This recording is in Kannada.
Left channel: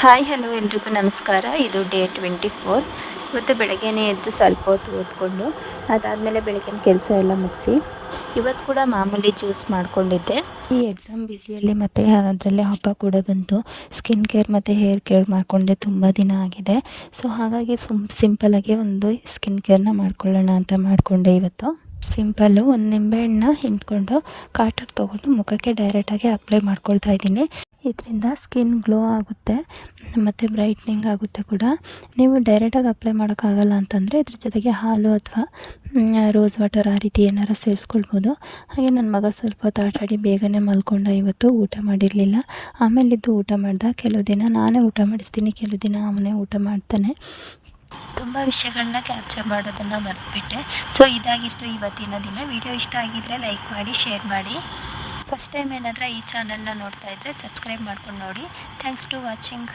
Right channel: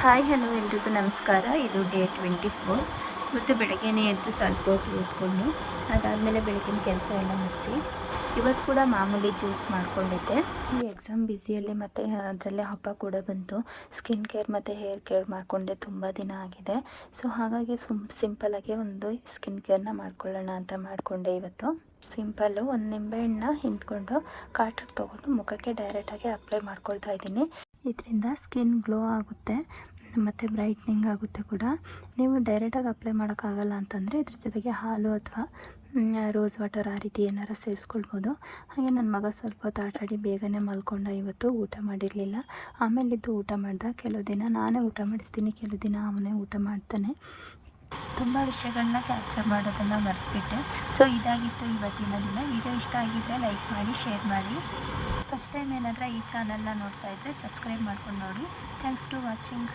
ಹಾಯ್ ಹಲೋ ಎಲ್ರಿಗೂ ನಮಸ್ಕಾರ. ಇದು ಡೇ 24. ಇವತ್ತು ಬೆಳಗ್ಗೆನೇ ಎದ್ದು ಸ್ವಲ್ಪ ಹೊತ್ತು ಓದ್ಕೊಂಡು ಅದಾದಮೇಲೆ ಬೆಳಗಿನ ಕೆಲಸ ಎಲ್ಲ ಮುಗಿಸಿ ಇವತ್ತು ಕೂಡ ಮಾಮೂಲಿ ಜ್ಯೂಸ್ ಮಾಡ್ಕೊಂಡಿದ್ದೆ. ಈ ಎಕ್ಸಾಮ್ ಬ್ಯುಸಿಯಲ್ಲಿ ಮತ್ತು ಅದರಲ್ಲಿ ಹಬ್ಬ ಕೂಡ ಬಂತು. ಸ್ಕಿನ್ ಕೇರ್ ಮತ್ತು ಹೇರ್ ಕೇರ್ ಮಾಡಿಕೊಂಡೆ ತುಂಬ ದಿನ ಆಗಿದೆ. ಸೊ ಹಾಗಾಗಿ ಸಿಂಪಲಾಗಿ ಒಂದು ಸ್ಕಿನ್ ಕೇರ್ನ ಮಾಡ್ಕೊಳ್ಳೋಣ ಅಂತ ಮಾಡಿಕೊಂಡೆ. ಇವತ್ತು ಸಿಂಪಲ್ಲು ಒಂದು ನಿಂಬೆಹಣ್ಣನ್ನ ಹಿಂಡ್ಕೊಂಡು ಕಾಟಕ್ಕೆ ತೊಗೊಂಡು ಮುಖಕ್ಕೆ ಡೈರೆಕ್ಟಾಗಿ ಅಪ್ಲೈ ಮಾಡ್ಕೊಳ್ತಾ ಇದ್ದೀನಿ. ಇದರಿಂದ ಸ್ಕಿನ್ ಗ್ಲೋ ಆಗುತ್ತೆ ಮತ್ತು ಬ್ರೈಟ್ನಿಂಗ್ ಆಗುತ್ತೆ ಕೂಡ. ನೀವು ಡೈರೆಕ್ಟಾಗಿ ಅಪ್ಲೈ ಮಾಡೋಕ್ಕಾಗಲ್ಲ ಅಂತಂದರೆ ಇದ್ರ ಜೊತೆಗೆ ಹಾಲು ಅಥವಾ ರೋಸ್ ವಾಟರ್ ಆ ರೀತಿ ಏನಾರು ಸೇರಿಸ್ಕೊಳ್ಬೋದು. ಹಾಗೆ ನನ್ನ ಮಗ ಸ್ವಲ್ಪ ಹೊತ್ತು ಆಟಾಡಿ ಬೇಗನೆ ಮಲ್ಕೊಂಡ. ಇವತ್ತು ಊಟ ಮಾಡಿರಲಿಲ್ಲ. ಆಮೇಲಿದ್ದು ಊಟ ಮಾಡ್ದೆ. ಕೆಲವು ದಿನ ನಾನೇ ಊಟ ಮಾಡಿಸ್ತೀನಿ, ಕೆಲವು ದಿನ ಅವನೇ ಊಟ ಮಾಡ್ತಾನೆ. ತುಂಬ ವಿಷಯಗಳನ್ನ ಕ್ಯಾಪ್ಚರ್ ಮಾಡೋದನ್ನು ಮರೆತುಬಿಟ್ಟೆ. ಸೊ ಇದಾಗಿತ್ತು ಇವತ್ತಿನ ದಿನ. ವಿಡಿಯೋ ಇಷ್ಟ ಆಗಿದ್ದರೆ ಲೈಕ್ ಮಾಡಿ, ಶೇರ್ ಮಾಡಿ. ಫಸ್ಟ್ ಟೈಮ್ ಏನಾದರೂ ಈ ಚಾನಲ್ನ ನೋಡ್ತಾ ಇದ್ದರೆ ಸಬ್ಸ್ಕ್ರೈಬ್ ಮಾಡ್ಕೊಂಡು ನೋಡಿ. Thanks to watching.